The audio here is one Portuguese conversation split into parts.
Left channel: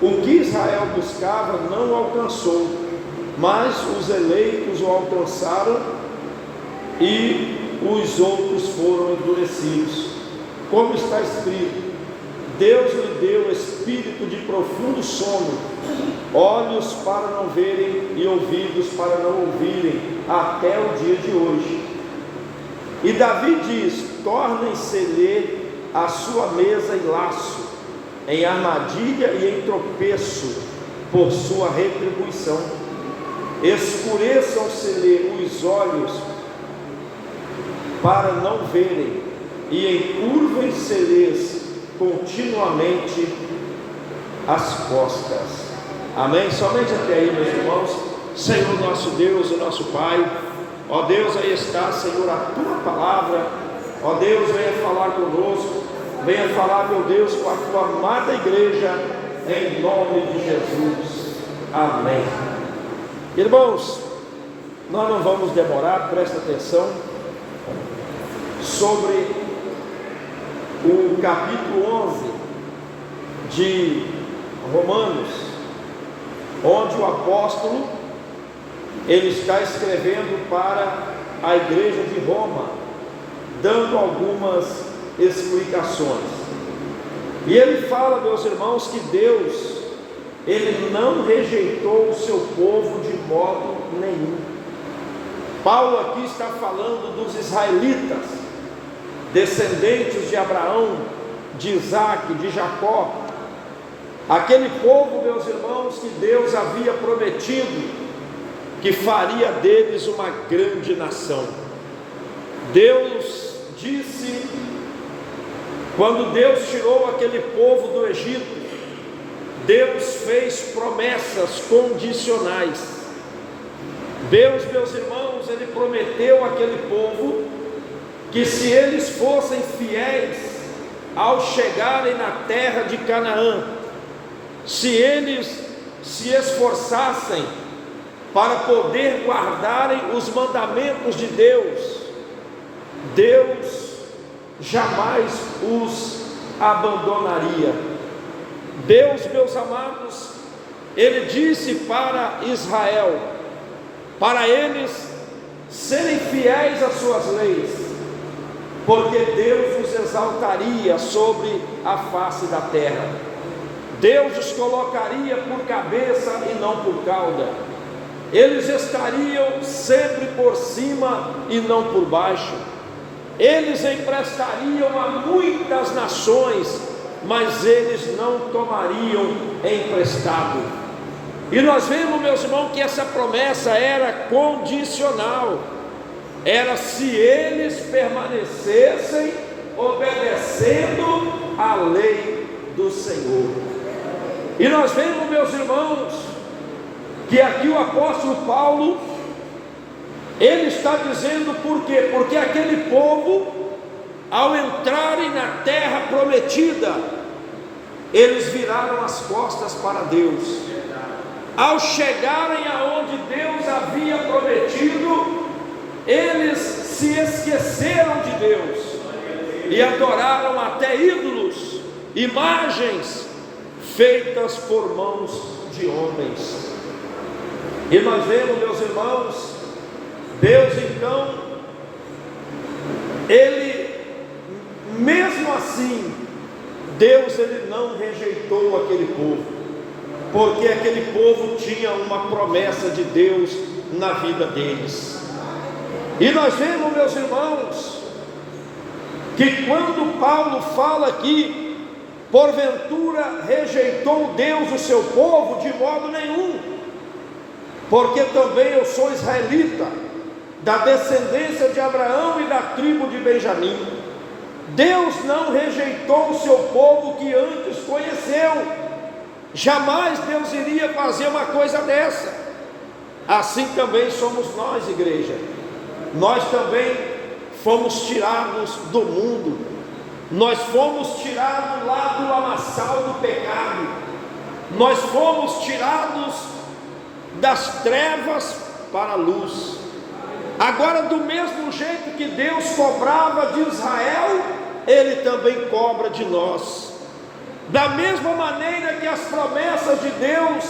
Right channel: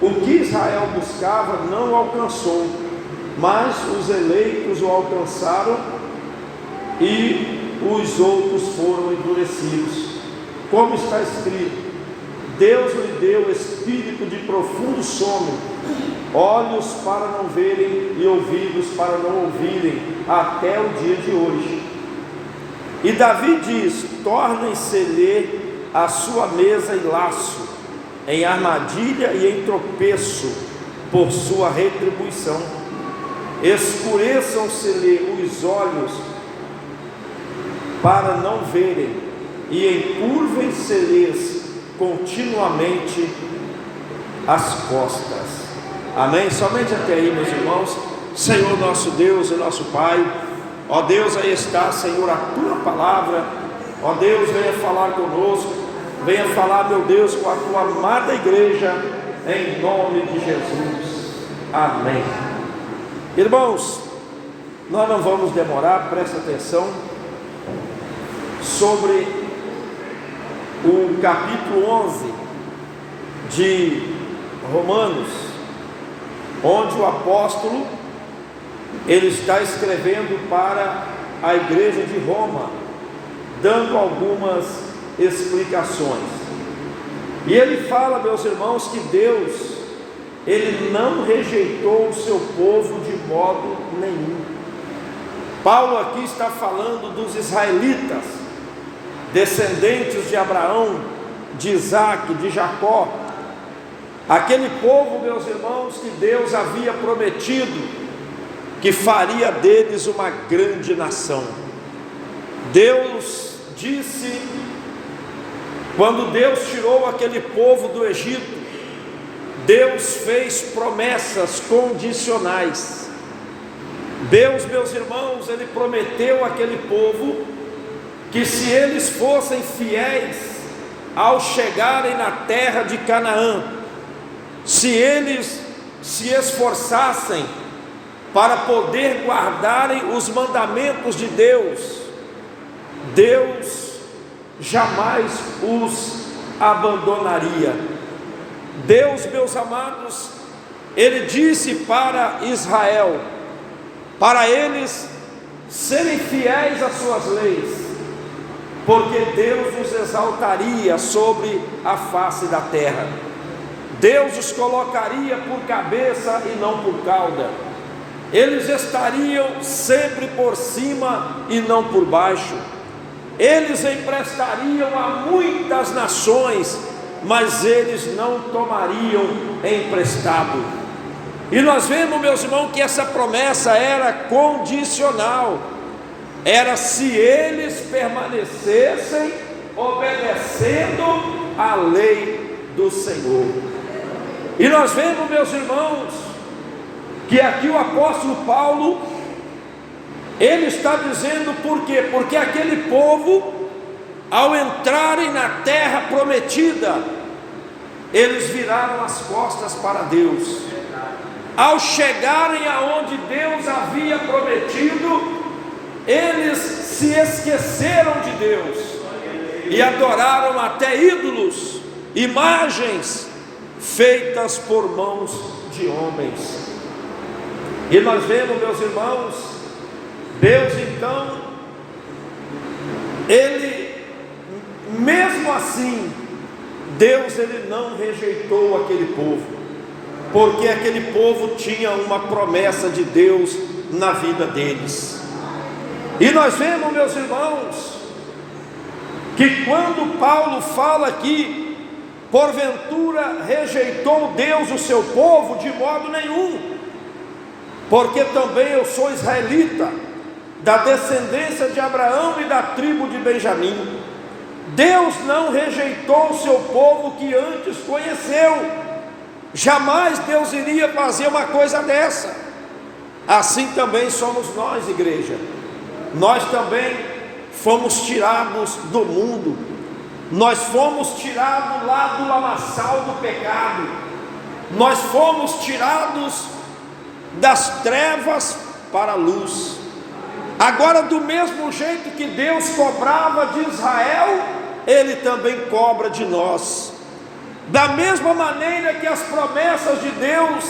O que Israel buscava não alcançou, mas os eleitos o alcançaram e os outros foram endurecidos. Como está escrito: Deus lhe deu espírito de profundo sono, olhos para não verem e ouvidos para não ouvirem, até o dia de hoje. E Davi diz: tornem-se-lhe a sua mesa e laço, em armadilha e em tropeço, por sua retribuição. Escureçam-se-lhe os olhos para não verem, e encurvem-se-lhes continuamente as costas. Amém? Somente até aí, meus irmãos. Senhor nosso Deus e nosso Pai, ó Deus, aí está, Senhor, a tua palavra. Ó Deus, venha falar conosco, venha falar, meu Deus, com a tua amada igreja, em nome de Jesus. Amém. Irmãos, nós não vamos demorar, presta atenção, sobre o capítulo 11 de Romanos, onde o apóstolo, ele está escrevendo para a igreja de Roma, dando algumas explicações. E ele fala, meus irmãos, que Deus, ele não rejeitou o seu povo de modo nenhum. Paulo aqui está falando dos israelitas, descendentes de Abraão, de Isaac, de Jacó, aquele povo, meus irmãos, que Deus havia prometido que faria deles uma grande nação. Deus disse, quando Deus tirou aquele povo do Egito, Deus fez promessas condicionais. Deus, meus irmãos, ele prometeu àquele povo que se eles fossem fiéis ao chegarem na terra de Canaã, se eles se esforçassem para poder guardarem os mandamentos de Deus, Deus jamais os abandonaria. Deus, meus amados, ele disse para Israel, para eles serem fiéis às suas leis, porque Deus os exaltaria sobre a face da terra. Deus os colocaria por cabeça e não por cauda. Eles estariam sempre por cima e não por baixo. Eles emprestariam a muitas nações, mas eles não tomariam emprestado. E nós vemos, meus irmãos, que essa promessa era condicional. Era se eles permanecessem obedecendo a lei do Senhor. E nós vemos, meus irmãos, que aqui o apóstolo Paulo, ele está dizendo por quê? Porque aquele povo, ao entrarem na terra prometida, eles viraram as costas para Deus. Ao chegarem aonde Deus havia prometido, eles se esqueceram de Deus e adoraram até ídolos, imagens feitas por mãos de homens. E nós vemos, meus irmãos, Deus então, ele, mesmo assim, Deus, ele não rejeitou aquele povo, porque aquele povo tinha uma promessa de Deus na vida deles. E nós vemos, meus irmãos, que quando Paulo fala que porventura rejeitou Deus o seu povo, de modo nenhum, porque também eu sou israelita, da descendência de Abraão e da tribo de Benjamim. Deus não rejeitou o seu povo que antes conheceu. Jamais Deus iria fazer uma coisa dessa. Assim também somos nós, igreja. Nós também fomos tirados do mundo. Nós fomos tirados lá do lamaçal do pecado. Nós fomos tirados das trevas para a luz. Agora, do mesmo jeito que Deus cobrava de Israel, Ele também cobra de nós. Da mesma maneira que as promessas de Deus,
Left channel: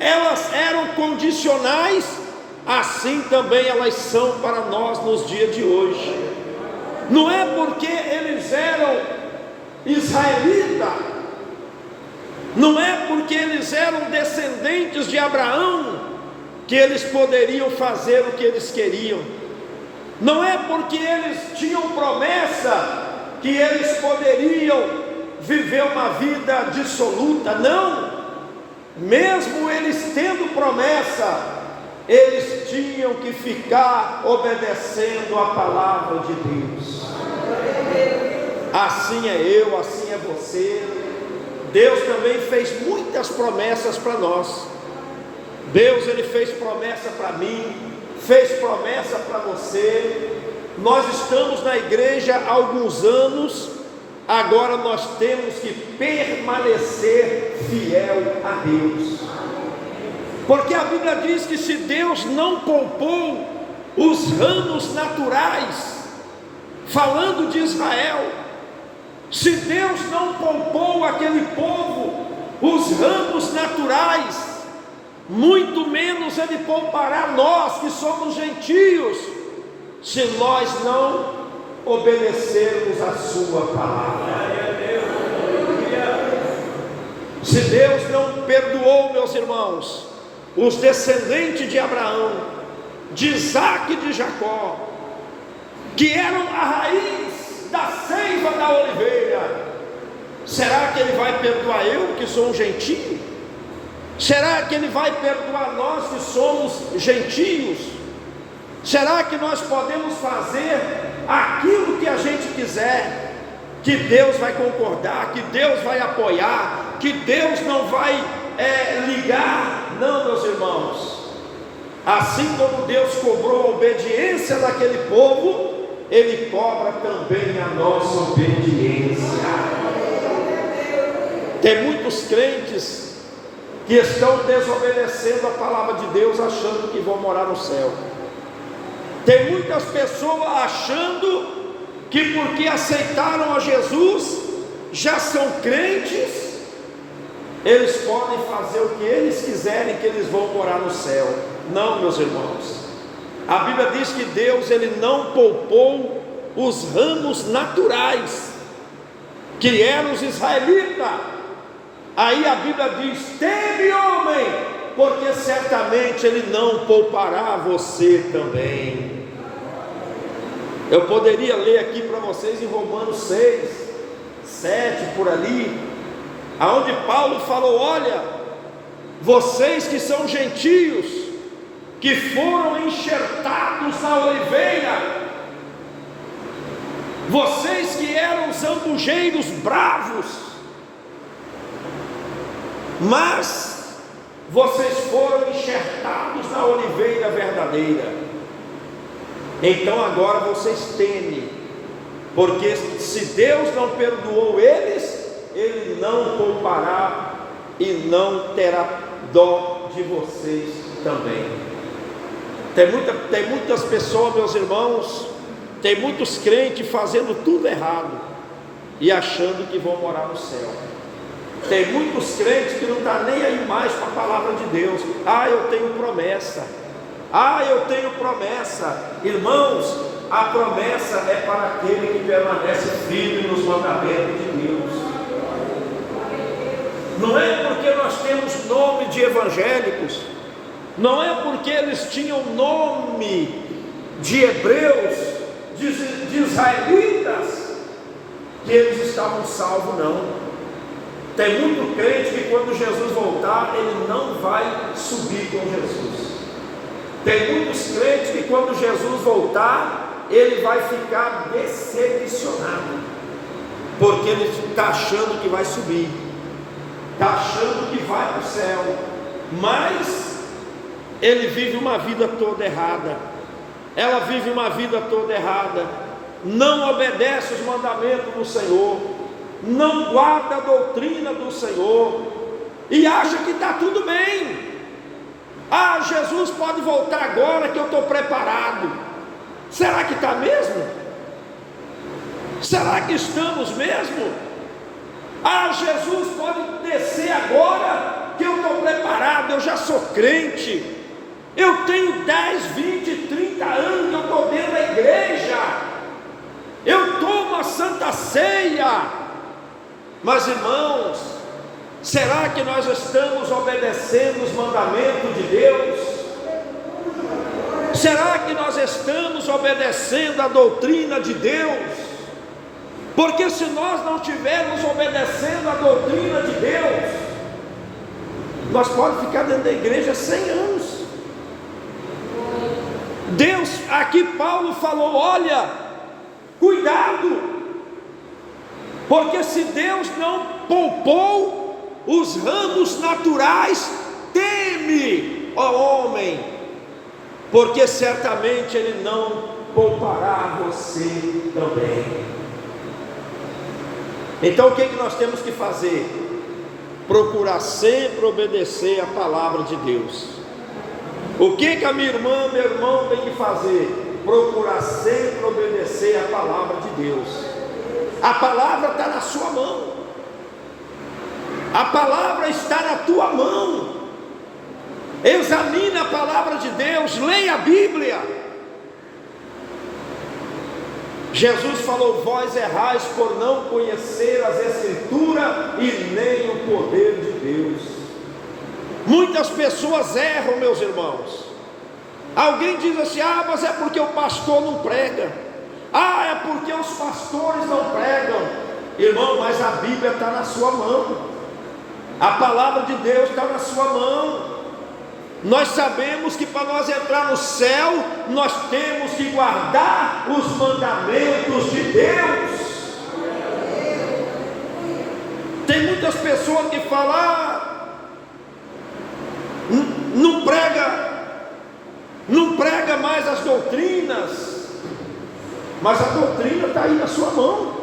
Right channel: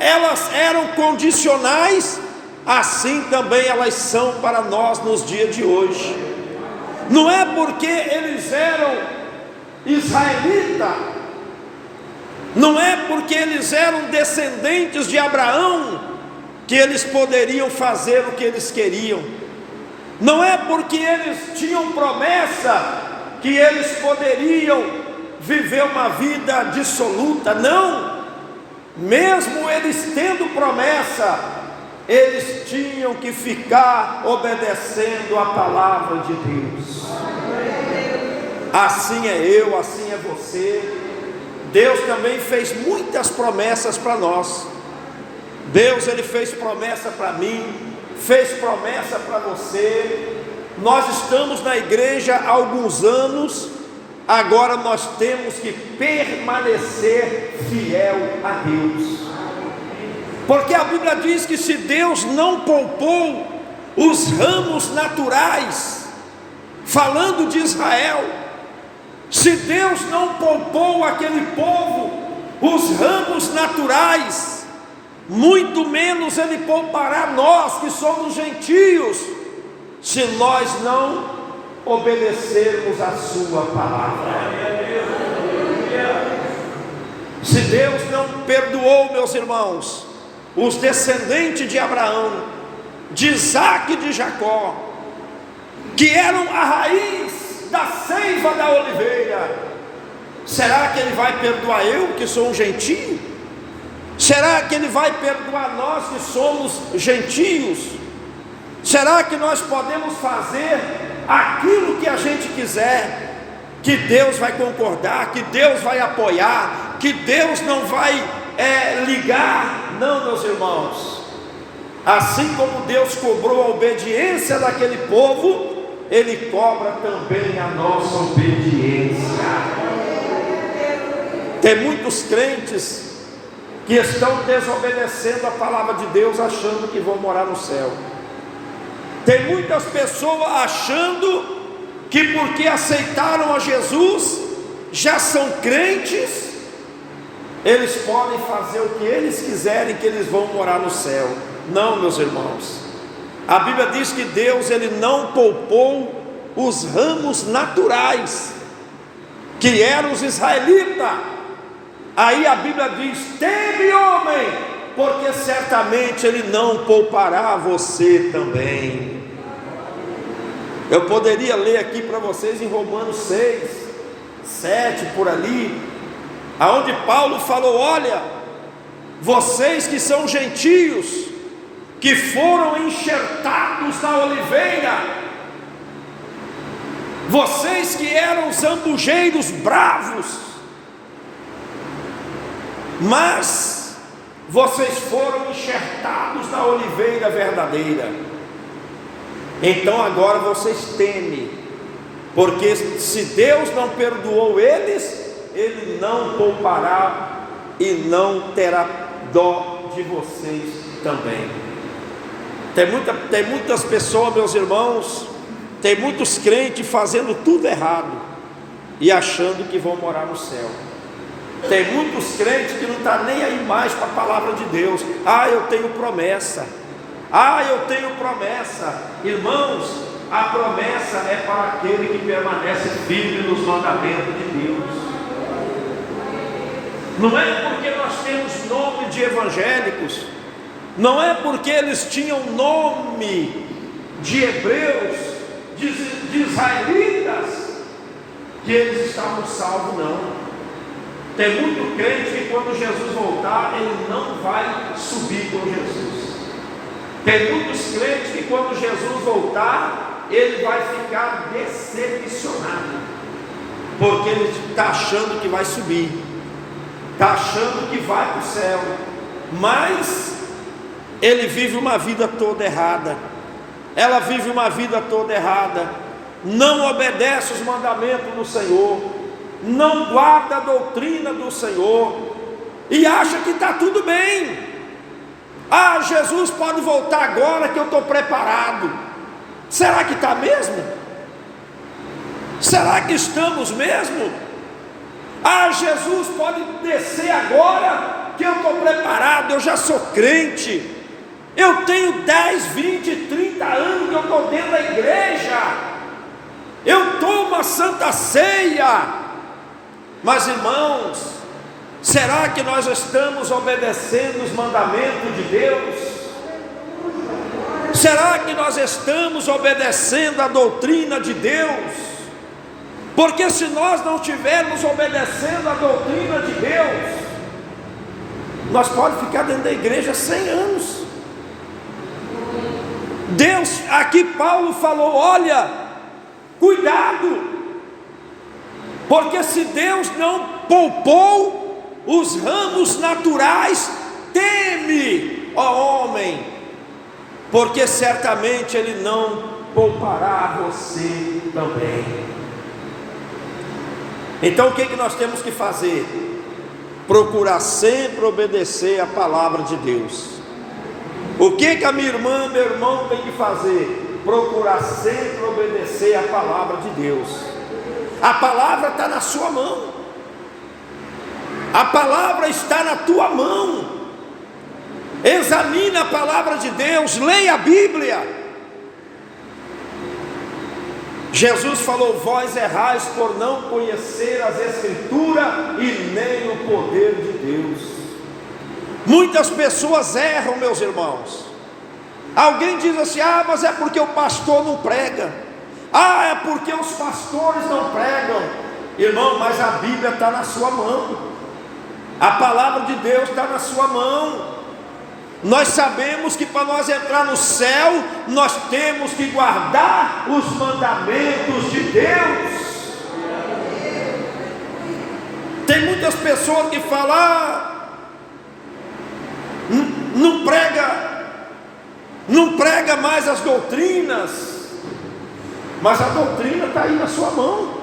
elas eram condicionais, assim também elas são para nós nos dias de hoje. Não é porque eles eram israelitas, não é porque eles eram descendentes de Abraão, que eles poderiam fazer o que eles queriam. Não é porque eles tinham promessa, que eles poderiam viver uma vida dissoluta. Não, mesmo eles tendo promessa, eles tinham que ficar obedecendo a palavra de Deus. Assim é eu, assim é você. Deus também fez muitas promessas para nós. Deus, Ele fez promessa para mim, fez promessa para você. Nós estamos na igreja há alguns anos, agora nós temos que permanecer fiel a Deus, porque a Bíblia diz que se Deus não poupou os ramos naturais, falando de Israel, se Deus não poupou aquele povo os ramos naturais, muito menos Ele poupará nós que somos gentios, se nós não obedecermos a sua palavra. Se Deus não perdoou, meus irmãos, os descendentes de Abraão, de Isaac e de Jacó, que eram a raiz da seiva da oliveira, será que Ele vai perdoar eu que sou um gentio? Será que Ele vai perdoar nós que somos gentios? Será que nós podemos fazer aquilo que a gente quiser, que Deus vai concordar, que Deus vai apoiar, que Deus não vai ligar? Não, meus irmãos. Assim como Deus cobrou a obediência daquele povo, Ele cobra também a nossa obediência. Tem muitos crentes que estão desobedecendo a palavra de Deus, achando que vão morar no céu. Tem muitas pessoas achando que porque aceitaram a Jesus, já são crentes, eles podem fazer o que eles quiserem, que eles vão morar no céu. Não, meus irmãos. A Bíblia diz que Deus, Ele não poupou os ramos naturais, que eram os israelitas. Aí a Bíblia diz: teme, homem, porque certamente Ele não poupará você também. Eu poderia ler aqui para vocês em Romanos 6, 7, por ali, aonde Paulo falou: olha, vocês que são gentios, que foram enxertados na oliveira, vocês que eram zambujeiros bravos, mas vocês foram enxertados na oliveira verdadeira. Então agora vocês temem, porque se Deus não perdoou eles, Ele não poupará e não terá dó de vocês também. Tem muitas pessoas, meus irmãos, tem muitos crentes fazendo tudo errado e achando que vão morar no céu. Tem muitos crentes que não estão nem aí mais para a palavra de Deus. Ah, eu tenho promessa. Ah, eu tenho promessa. Irmãos, a promessa é para aquele que permanece firme nos mandamentos de Deus. Não é porque nós temos nome de evangélicos, não é porque eles tinham nome de hebreus, de israelitas, que eles estavam salvos, não. Tem muito crente que quando Jesus voltar, ele não vai subir com Jesus. Tem muitos crentes que quando Jesus voltar, ele vai ficar decepcionado, porque ele está achando que vai subir, está achando que vai para o céu, mas ele vive uma vida toda errada, ela vive uma vida toda errada, não obedece os mandamentos do Senhor, não guarda a doutrina do Senhor, e acha que está tudo bem. Ah, Jesus pode voltar agora que eu estou preparado. Será que está mesmo? Será que estamos mesmo? Jesus pode descer agora, que eu estou preparado, eu já sou crente, eu tenho 10, 20, 30 anos que eu estou dentro da igreja, eu tomo a Santa Ceia. Mas irmãos, será que nós estamos obedecendo os mandamentos de Deus? Será que nós estamos obedecendo a doutrina de Deus? Porque se nós não estivermos obedecendo a doutrina de Deus, nós podemos ficar dentro da igreja 100 anos. Deus, aqui Paulo falou, olha, cuidado, porque se Deus não poupou os ramos naturais, teme, ó homem, porque certamente Ele não poupará você também. Então o que nós temos que fazer? Procurar sempre obedecer a palavra de Deus. O que a minha irmã, meu irmão tem que fazer? Procurar sempre obedecer a palavra de Deus. A palavra está na sua mão, a palavra está na tua mão. Examine a palavra de Deus, leia a Bíblia. Jesus falou, vós errais por não conhecer as Escrituras e nem o poder de Deus. Muitas pessoas erram, meus irmãos. Alguém diz assim, mas é porque o pastor não prega, é porque os pastores não pregam. Irmão, mas a Bíblia está na sua mão, a palavra de Deus está na sua mão. Nós sabemos que para nós entrar no céu, nós temos que guardar os mandamentos de Deus. Tem muitas pessoas que falam, não prega mais as doutrinas, mas a doutrina está aí na sua mão.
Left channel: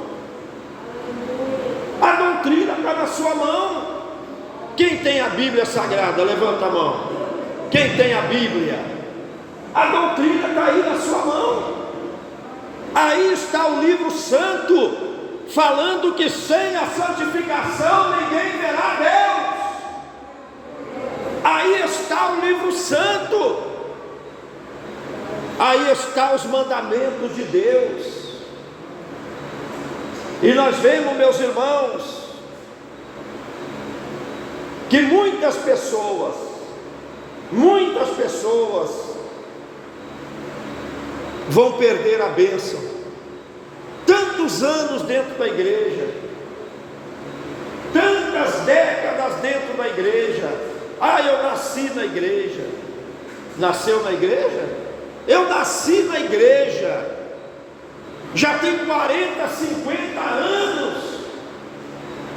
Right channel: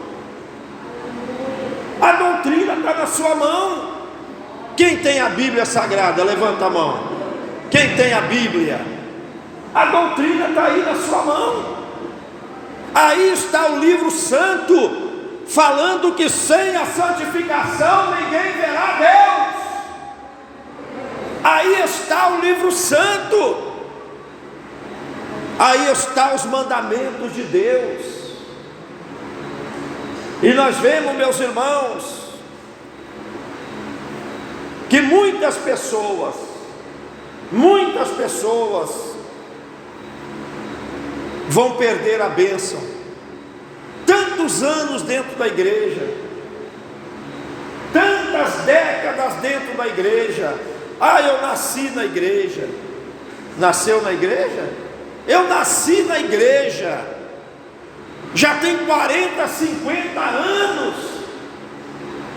A doutrina está na sua mão. Quem tem a Bíblia Sagrada, levanta a mão. Quem tem a Bíblia? A doutrina está aí na sua mão. Aí está o livro santo, falando que sem a santificação ninguém verá Deus. Aí está o livro santo, aí está os mandamentos de Deus. E nós vemos, meus irmãos, que muitas pessoas vão perder a bênção. Tantos anos dentro da igreja, tantas décadas dentro da igreja. Eu nasci na igreja. Nasceu na igreja? Eu nasci na igreja, já tem 40, 50 anos.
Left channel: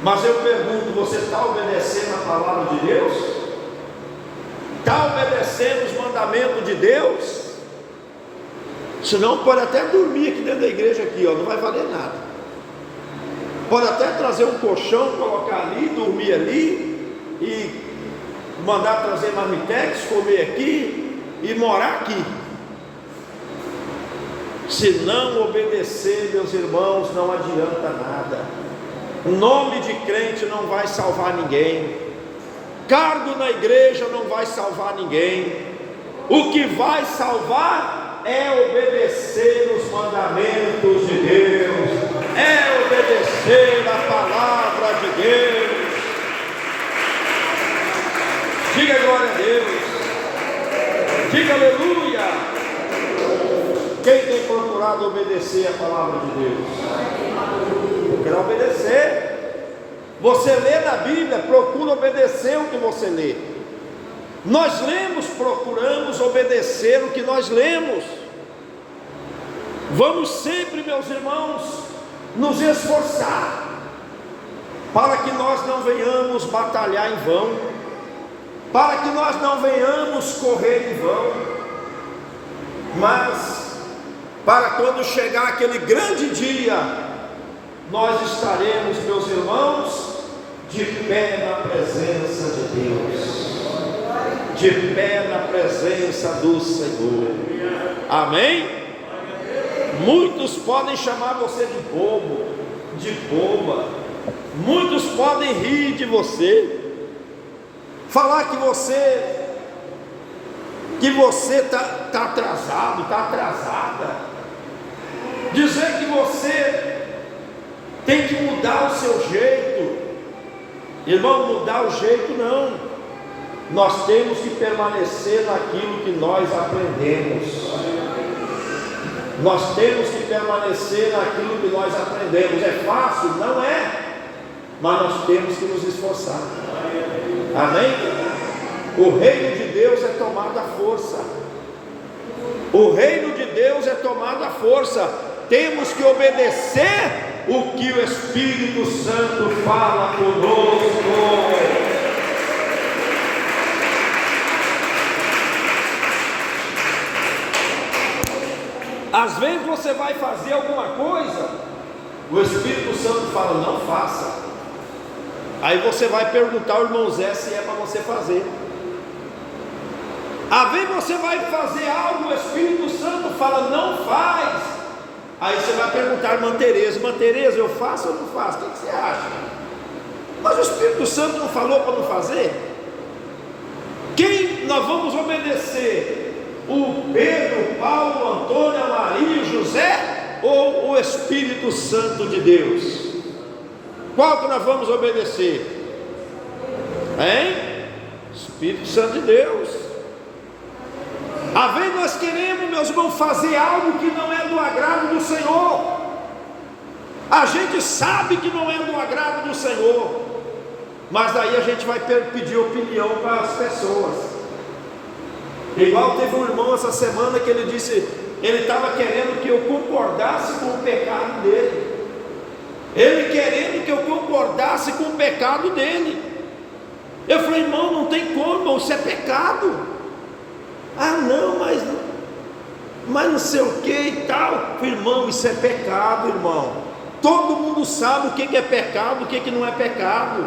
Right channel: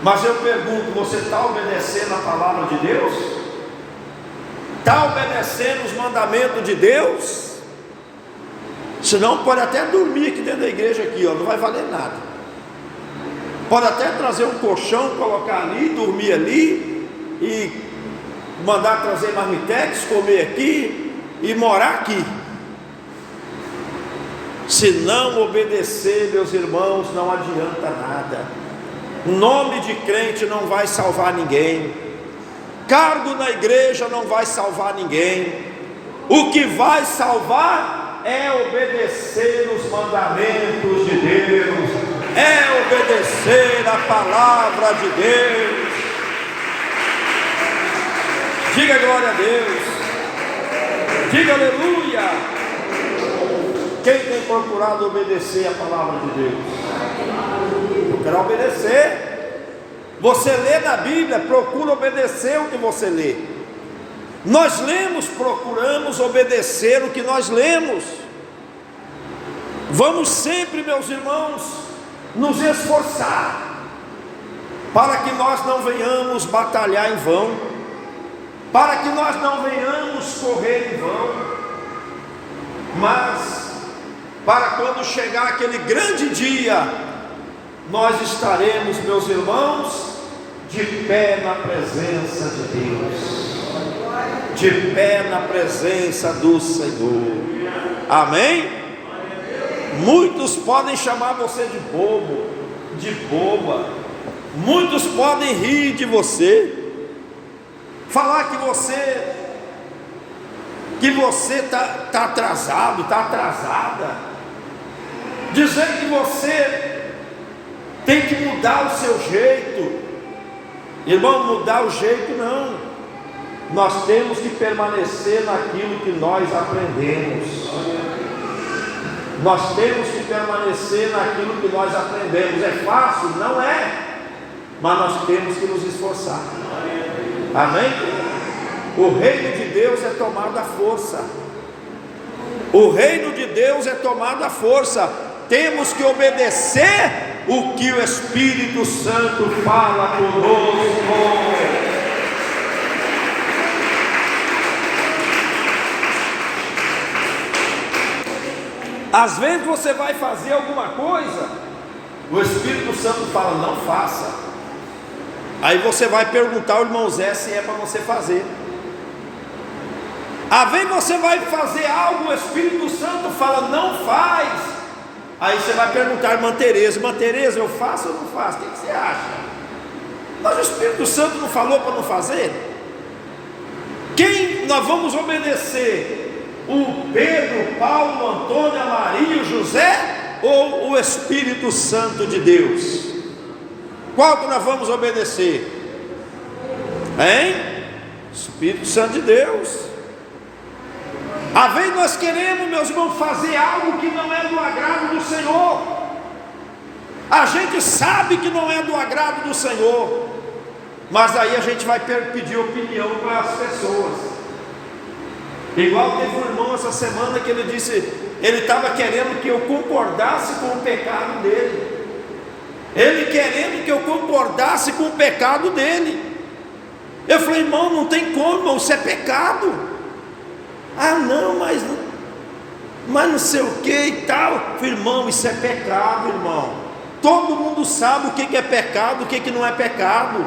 Mas eu pergunto, você está obedecendo a palavra de Deus? Está obedecendo os mandamentos de Deus? Senão pode até dormir aqui dentro da igreja aqui, não vai valer nada. Pode até trazer um colchão, colocar ali, dormir ali, e mandar trazer marmitex, comer aqui e morar aqui. Se não obedecer, meus irmãos, não adianta nada. O nome de crente não vai salvar ninguém. Cargo na igreja não vai salvar ninguém. O que vai salvar é obedecer os mandamentos de Deus, é obedecer a palavra de Deus. Diga glória a Deus, diga aleluia. Quem tem procurado obedecer a palavra de Deus? Eu quero obedecer. Você lê na Bíblia, procura obedecer o que você lê. Nós lemos, procuramos obedecer o que nós lemos. Vamos sempre, meus irmãos, nos esforçar para que nós não venhamos batalhar em vão, para que nós não venhamos correr em vão, mas para quando chegar aquele grande dia, nós estaremos, meus irmãos, de pé na presença de Deus, de pé na presença do Senhor. Amém? Muitos podem chamar você de bobo, de boba, Muitos podem rir de você, falar que você está atrasado, está atrasada, dizer que você tem que mudar o seu jeito. Irmão, mudar o jeito não, nós temos que permanecer naquilo que nós aprendemos. Nós temos que permanecer naquilo que nós aprendemos. É fácil? Não é, mas nós temos que nos esforçar. Amém? O reino de Deus é tomado à força. O reino de Deus é tomado à força. Temos que obedecer o que o Espírito Santo fala conosco. Às vezes você vai fazer alguma coisa, o Espírito Santo fala, não faça. Aí você vai perguntar ao irmão Zé se é para você fazer. Às vezes você vai fazer algo, o Espírito Santo fala, não faz. Aí você vai perguntar à irmã Tereza, eu faço ou não faço? O que você acha? Mas o Espírito Santo não falou para não fazer? Quem nós vamos obedecer? O Pedro, Paulo, Antônio, a Maria, o José, ou o Espírito Santo de Deus? Qual que nós vamos obedecer? Hein? Espírito Santo de Deus. Às vezes nós queremos, meus irmãos, fazer algo que não é do agrado do Senhor. A gente sabe que não é do agrado do Senhor, mas aí a gente vai pedir opinião para as pessoas. Igual teve um irmão essa semana que ele disse, ele estava querendo que eu concordasse com o pecado dele. Ele querendo que eu concordasse com o pecado dele. Eu falei, irmão, não tem como, irmão, isso é pecado. Ah não, mas não sei o que e tal. Eu falei, irmão, isso é pecado, irmão. Todo mundo sabe o que é pecado, o que não é pecado.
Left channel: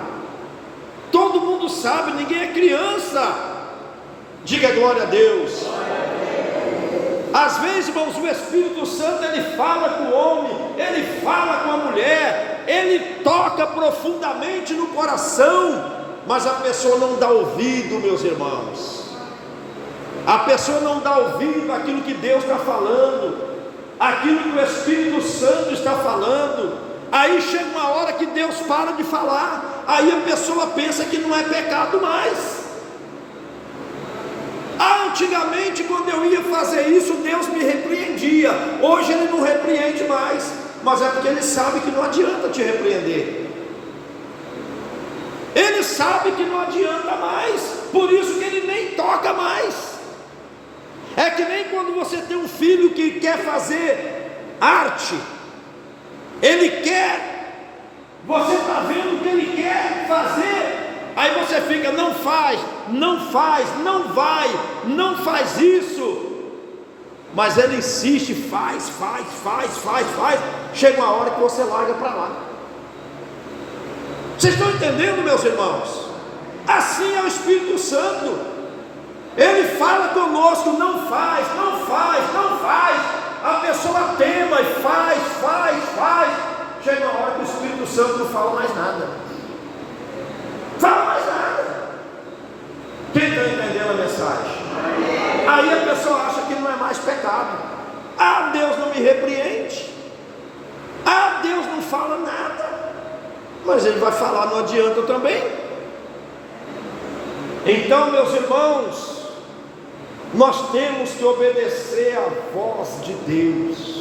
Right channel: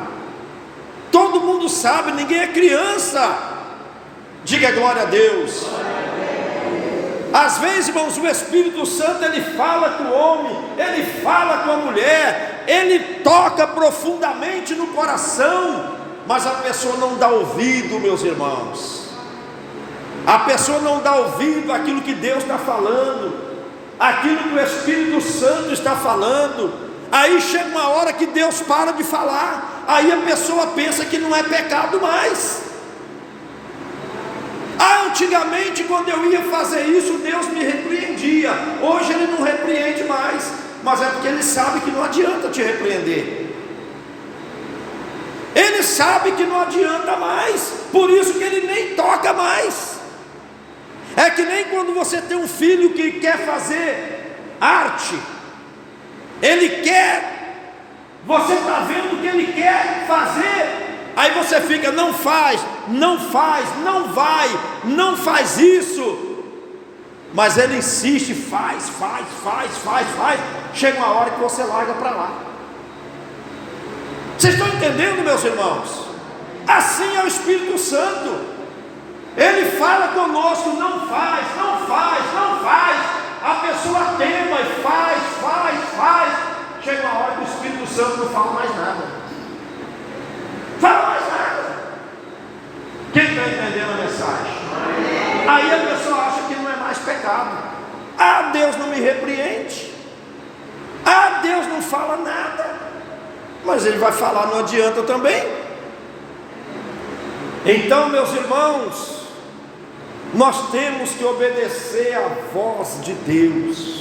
Todo mundo sabe, ninguém é criança. Diga glória a Deus. Às vezes, irmãos, o Espírito Santo, ele fala com o homem, ele fala com a mulher, ele toca profundamente no coração, mas a pessoa não dá ouvido, meus irmãos. A pessoa não dá ouvido àquilo que Deus está falando, aquilo que o Espírito Santo está falando. Aí chega uma hora que Deus para de falar, aí a pessoa pensa que não é pecado mais. Antigamente, quando eu ia fazer isso, Deus me repreendia. Hoje Ele não repreende mais, mas é porque Ele sabe que não adianta te repreender. Ele sabe que não adianta mais, por isso que Ele nem toca mais. É que nem quando você tem um filho que quer fazer arte, ele quer, você está vendo o que ele quer fazer, aí você fica, não faz, não vai, não faz isso, mas ele insiste, faz, chega uma hora que você larga para lá. Vocês estão entendendo, meus irmãos? Assim é o Espírito Santo, ele fala conosco, não faz, a pessoa tema e faz, chega uma hora que o Espírito Santo não fala mais nada. Quem está entendendo a mensagem? Aí a pessoa acha que não é mais pecado. Ah, Deus não me repreende. Ah, Deus não fala nada. Mas Ele vai falar, não adianta também. Então, meus irmãos, nós temos que obedecer à voz de Deus.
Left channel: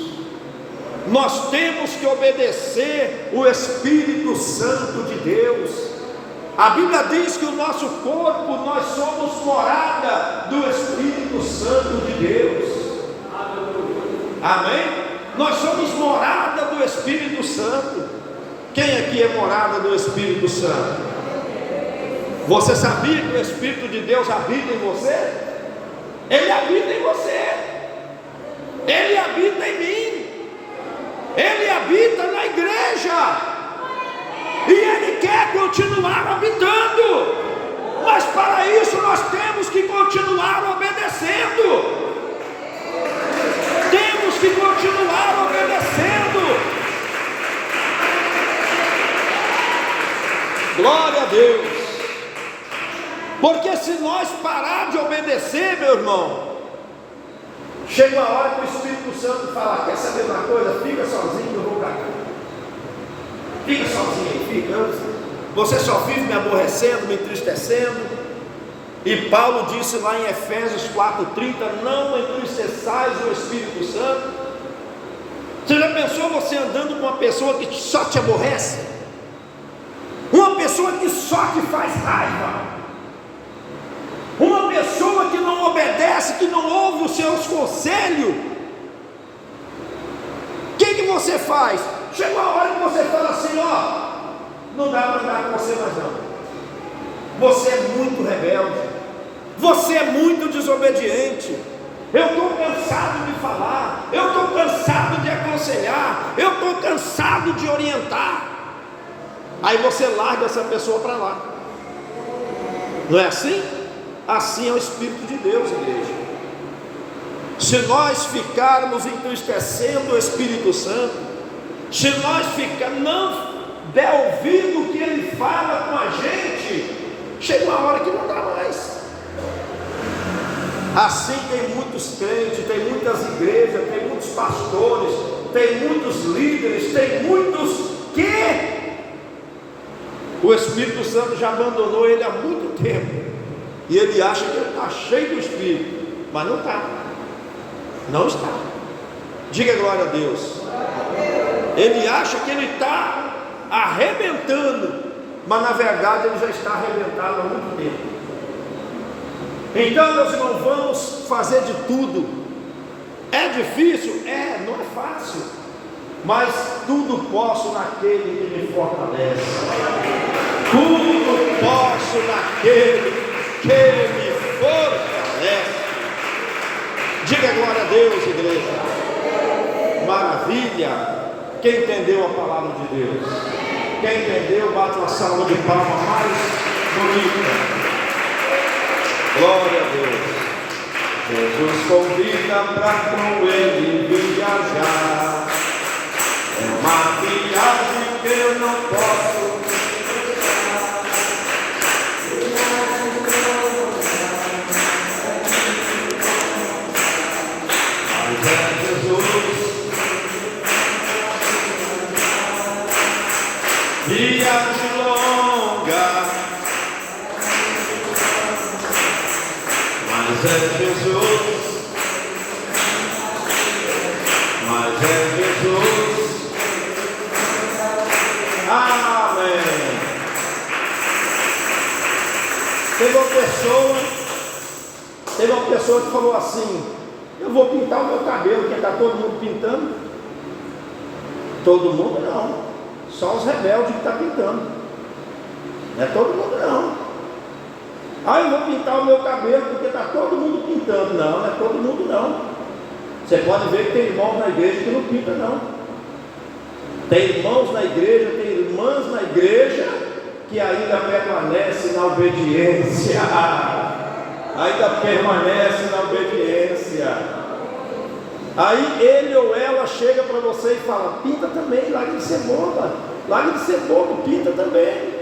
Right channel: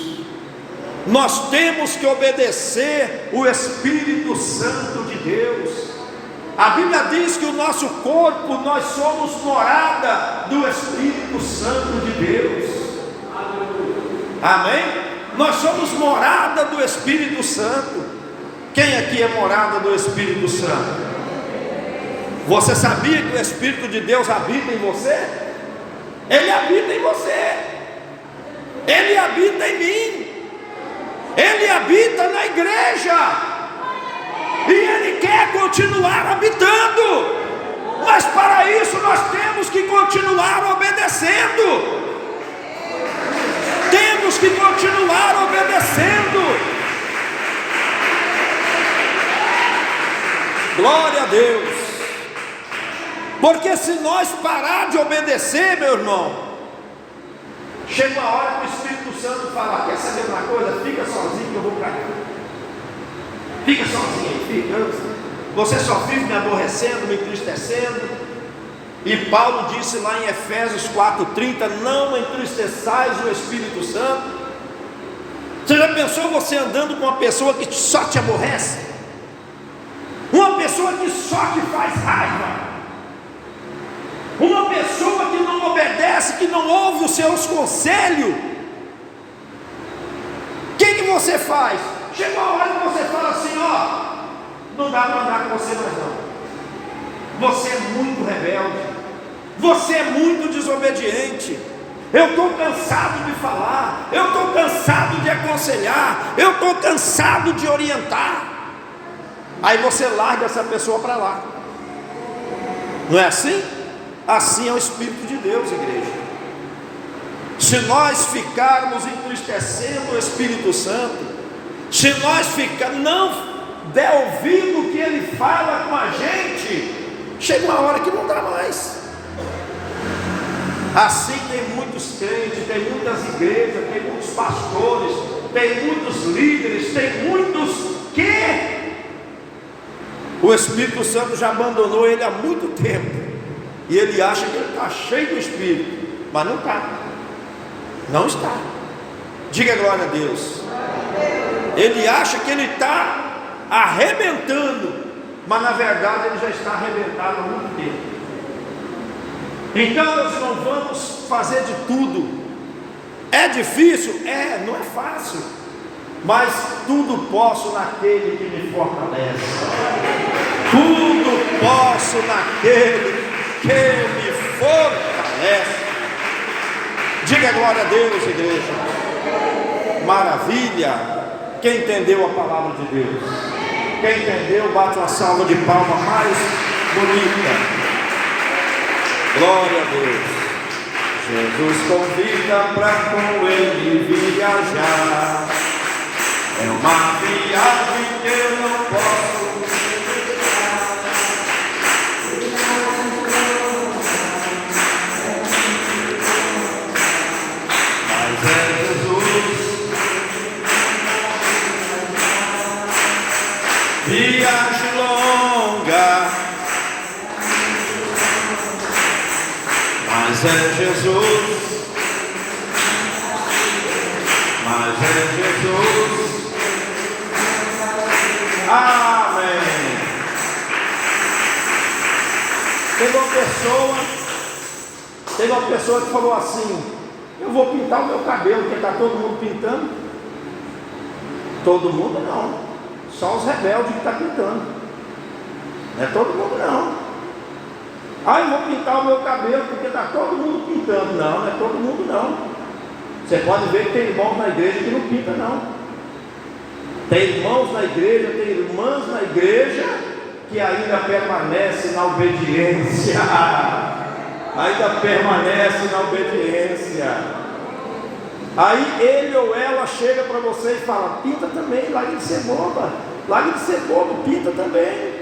Nós temos que obedecer o Espírito Santo de Deus. A Bíblia diz que o nosso corpo, nós somos morada do Espírito Santo de Deus. Amém? Nós somos morada do Espírito Santo. Quem aqui é morada do Espírito Santo? Você sabia que o Espírito de Deus habita em você? Ele habita em você. Ele habita em mim. Ele habita na igreja. E Ele quer continuar habitando, mas para isso nós temos que continuar obedecendo. Temos que continuar obedecendo. Glória a Deus. Porque se nós parar de obedecer, meu irmão, chega uma hora que o Espírito Santo fala: quer saber uma coisa? Fica sozinho que eu vou para cá. Fica sozinho aí, fica. Você só vive me aborrecendo, me entristecendo. E Paulo disse lá em Efésios 4:30: não entristeçais o Espírito Santo. Você já pensou você andando com uma pessoa que só te aborrece? Uma pessoa que só te faz raiva? Uma pessoa que não obedece, que não ouve os seus conselhos? O que você faz? Chega uma hora que você fala assim: ó, não dá para andar com você mais não. Você é muito rebelde. Você é muito desobediente. Eu estou cansado de falar. Eu estou cansado de aconselhar. Eu estou cansado de orientar. Aí você larga essa pessoa para lá. Não é assim? Assim é o Espírito de Deus, igreja. Se nós ficarmos entristecendo o Espírito Santo, se nós não der ouvido o que Ele fala com a gente, chega uma hora que não dá mais. Assim tem muitos crentes, tem muitas igrejas, tem muitos pastores, tem muitos líderes, tem muitos que o Espírito Santo já abandonou ele há muito tempo. E ele acha que ele está cheio do Espírito, mas não está. Não está. Diga glória a Deus. Ele acha que ele está arrebentando, mas na verdade ele já está arrebentado há muito tempo. Então nós não vamos fazer de tudo. É difícil? É, não é fácil. Mas tudo posso naquele que me fortalece. Tudo posso naquele que me fortalece. Diga glória a Deus, igreja. Maravilha. Quem entendeu a palavra de Deus? Quem entendeu, bate uma salva de palmas mais bonita. Glória a Deus. Jesus convida para com Ele viajar. É uma viagem que eu não posso deixar. Mas é Jesus. Viagem longa. Mas é Jesus. Mas é Jesus. Amém. Teve uma pessoa que falou assim: eu vou pintar o meu cabelo, porque está todo mundo pintando. Todo mundo não, só os rebeldes que estão pintando. Não é todo mundo não. Eu vou pintar o meu cabelo porque está todo mundo pintando. Não, não é todo mundo não. Você pode ver que tem irmãos na igreja que não pinta não. Tem irmãos na igreja, tem irmãs na igreja que ainda permanecem na obediência. Ainda permanece na obediência. Aí ele ou ela chega para você e fala: pinta também, larga de ser boba, larga de ser bobo, pinta também.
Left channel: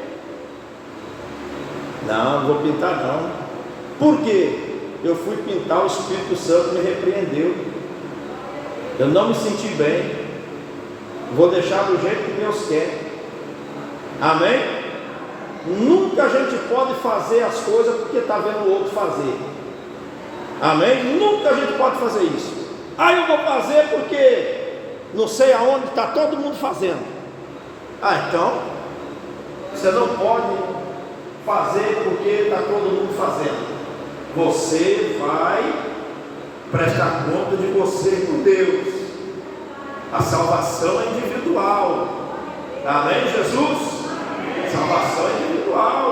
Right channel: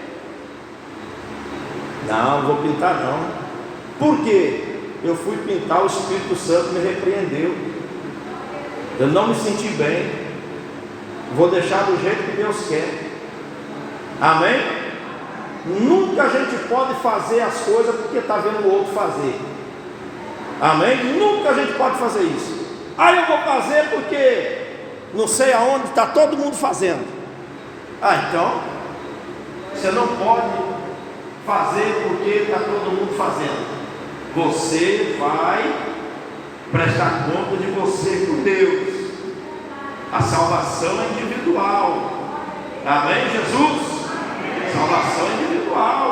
Não, não vou pintar não. Por quê? Eu fui pintar, o Espírito Santo me repreendeu. Eu não me senti bem. Vou deixar do jeito que Deus quer. Amém? Nunca a gente pode fazer as coisas porque está vendo o outro fazer. Amém? Nunca a gente pode fazer isso. Eu vou fazer porque não sei aonde está todo mundo fazendo. Então você não pode fazer porque está todo mundo fazendo. Você vai prestar conta de você com Deus. A salvação é individual. Amém, Jesus? Salvação é individual.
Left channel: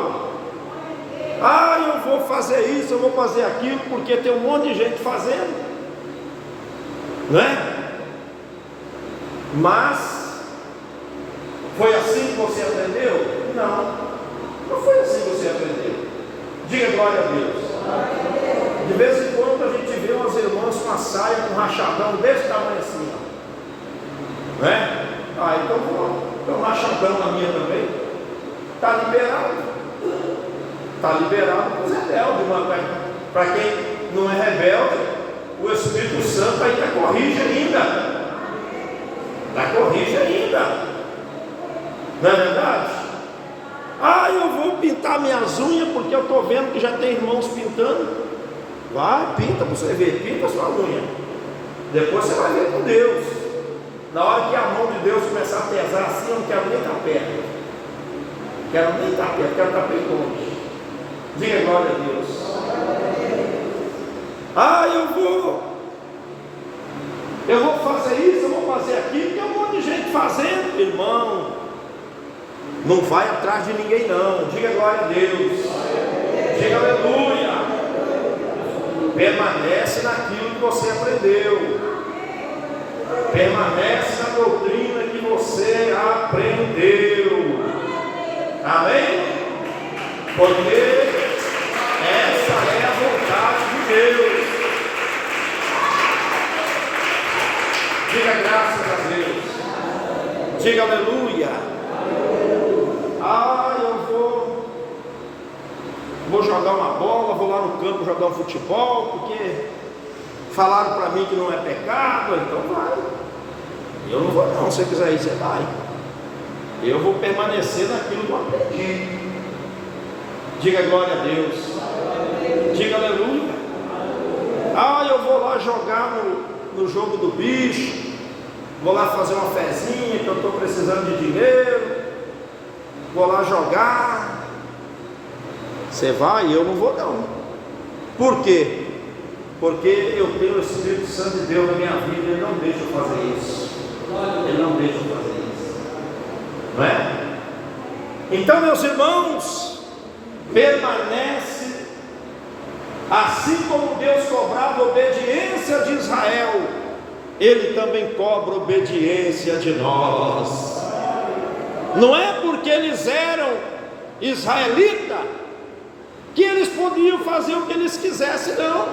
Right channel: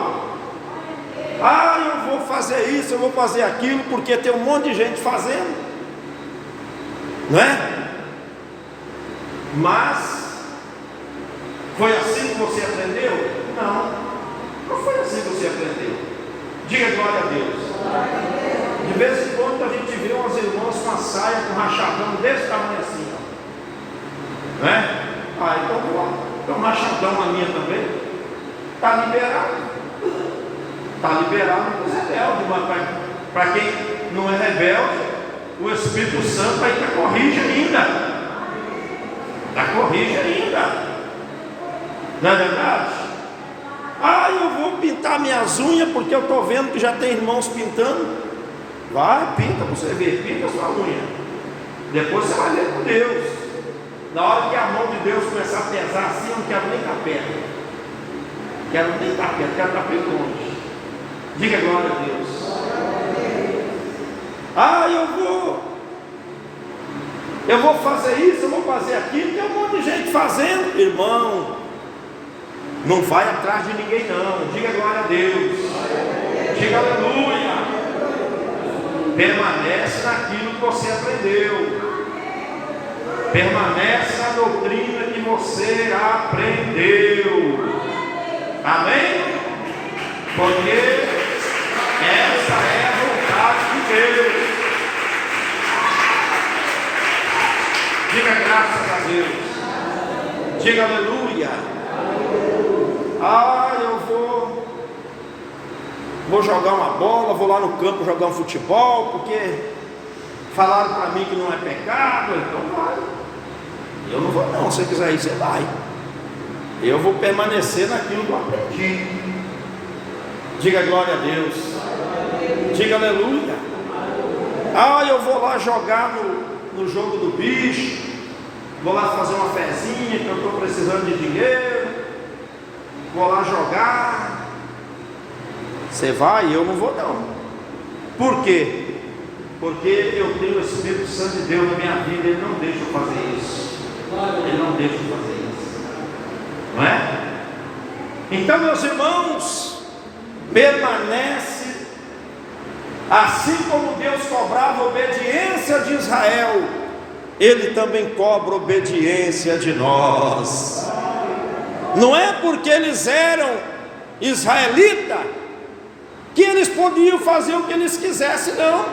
Eu vou fazer isso, eu vou fazer aquilo, porque tem um monte de gente fazendo, não é? Mas foi assim que você aprendeu? Não foi assim que você aprendeu. Diga glória a Deus. De vez em quando a gente vê umas irmãs com a saia, com um rachadão desse tamanho assim, não é? Então vou lá, tem um rachadão na minha também. está liberado. Está liberado para os rebeldes, mas para quem não é rebelde, o Espírito Santo ainda corrige ainda. Corrige ainda. Não é verdade? Eu vou pintar minhas unhas porque eu estou vendo que já tem irmãos pintando. Vai, pinta para você ver, pinta a sua unha. Depois você vai ver com Deus. Na hora que a mão de Deus começar a pesar assim, eu não quero nem estar perto. Quero nem estar perto, quero estar bem longe. Diga glória a Deus. Eu vou fazer isso, eu vou fazer aquilo, tem um monte de gente fazendo. Irmão, não vai atrás de ninguém não. Diga glória a Deus. Diga aleluia. Permanece naquilo que você aprendeu. Permanece na doutrina que você aprendeu. Amém? Porque essa é a vontade de Deus. Diga graças a Deus. Diga aleluia. Eu vou jogar uma bola, vou lá no campo jogar um futebol, porque falaram para mim que não é pecado, então vai. Eu não vou não, se você quiser ir, você vai. Eu vou permanecer naquilo que eu aprendi. Diga glória a Deus. Diga aleluia. Eu vou lá jogar no jogo do bicho. Vou lá fazer uma fezinha que eu estou precisando de dinheiro. Vou lá jogar. Você vai? Eu não vou não. Por quê? Porque eu tenho o Espírito Santo de Deus na minha vida e Ele não deixa eu fazer isso. Ele não deixa eu fazer isso. Não é? Então, meus irmãos, permanece. Assim como Deus cobrava a obediência de Israel, Ele também cobra a obediência de nós. Não é porque eles eram israelitas que eles podiam fazer o que eles quisessem, não.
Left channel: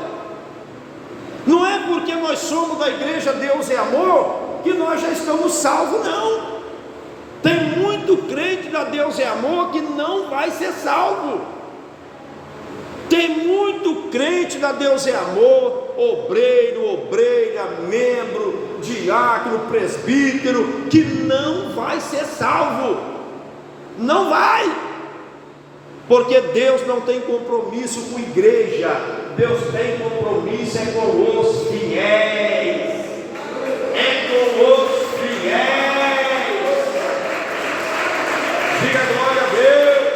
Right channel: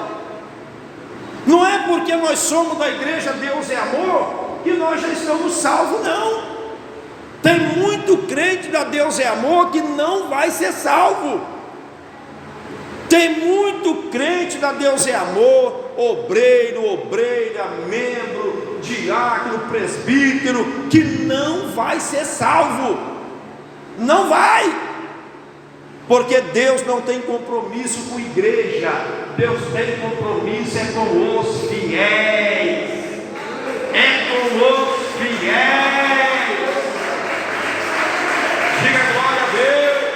Não é porque nós somos da igreja Deus é Amor que nós já estamos salvos, não. Tem muito crente da Deus é Amor que não vai ser salvo. Tem muito crente da Deus é Amor, obreiro, obreira, membro, diácono, presbítero, que não vai ser salvo. Não vai. Porque Deus não tem compromisso com a igreja. Deus tem compromisso com os fiéis. É com os fiéis. Diga glória a Deus.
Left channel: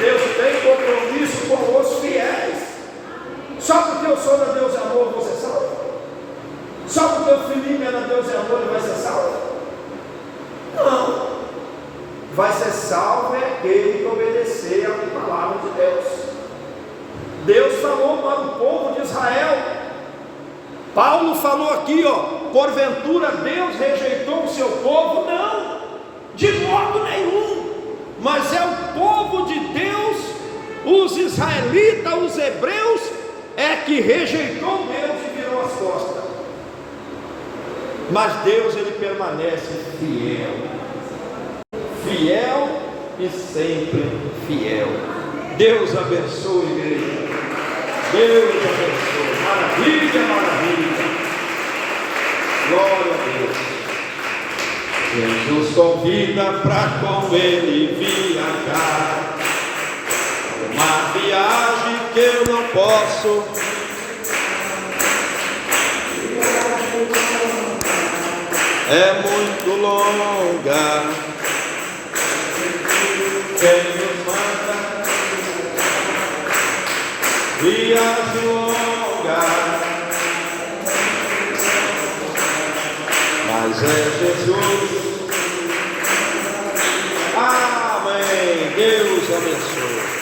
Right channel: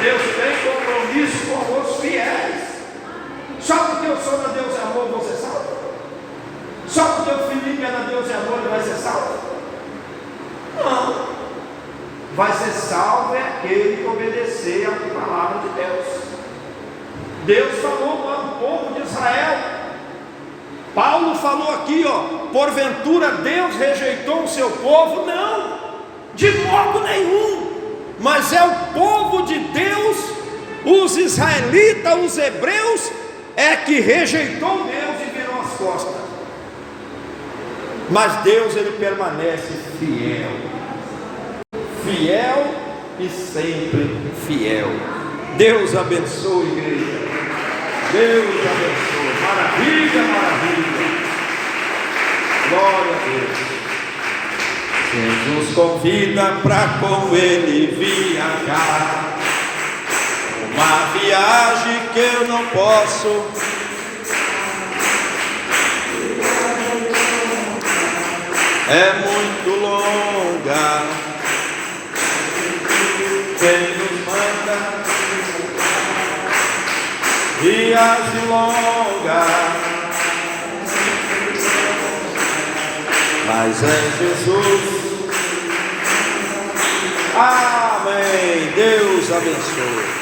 Deus tem compromisso com os fiéis. Só porque eu sou da Deus e Amor, eu vou ser salvo? Só porque o Felipe é da Deus e Amor, ele vai ser salvo? Não. Vai ser salvo é aquele que obedecer a palavra de Deus. Deus falou para o povo de Israel. Paulo falou aqui, porventura Deus rejeitou o seu povo? Não, de modo nenhum. Mas é o povo de Deus, os israelitas, os hebreus, é que rejeitou Deus e virou as costas. Mas Deus, Ele permanece fiel. Fiel e sempre fiel. Deus abençoe, igreja. Deus abençoe. Maravilha, maravilha. Glória a Deus. Jesus convida para com Ele viajar. Uma viagem que eu não posso. É muito longa. Quem nos manda viagem longa, mas é Jesus. Amém. Deus abençoe.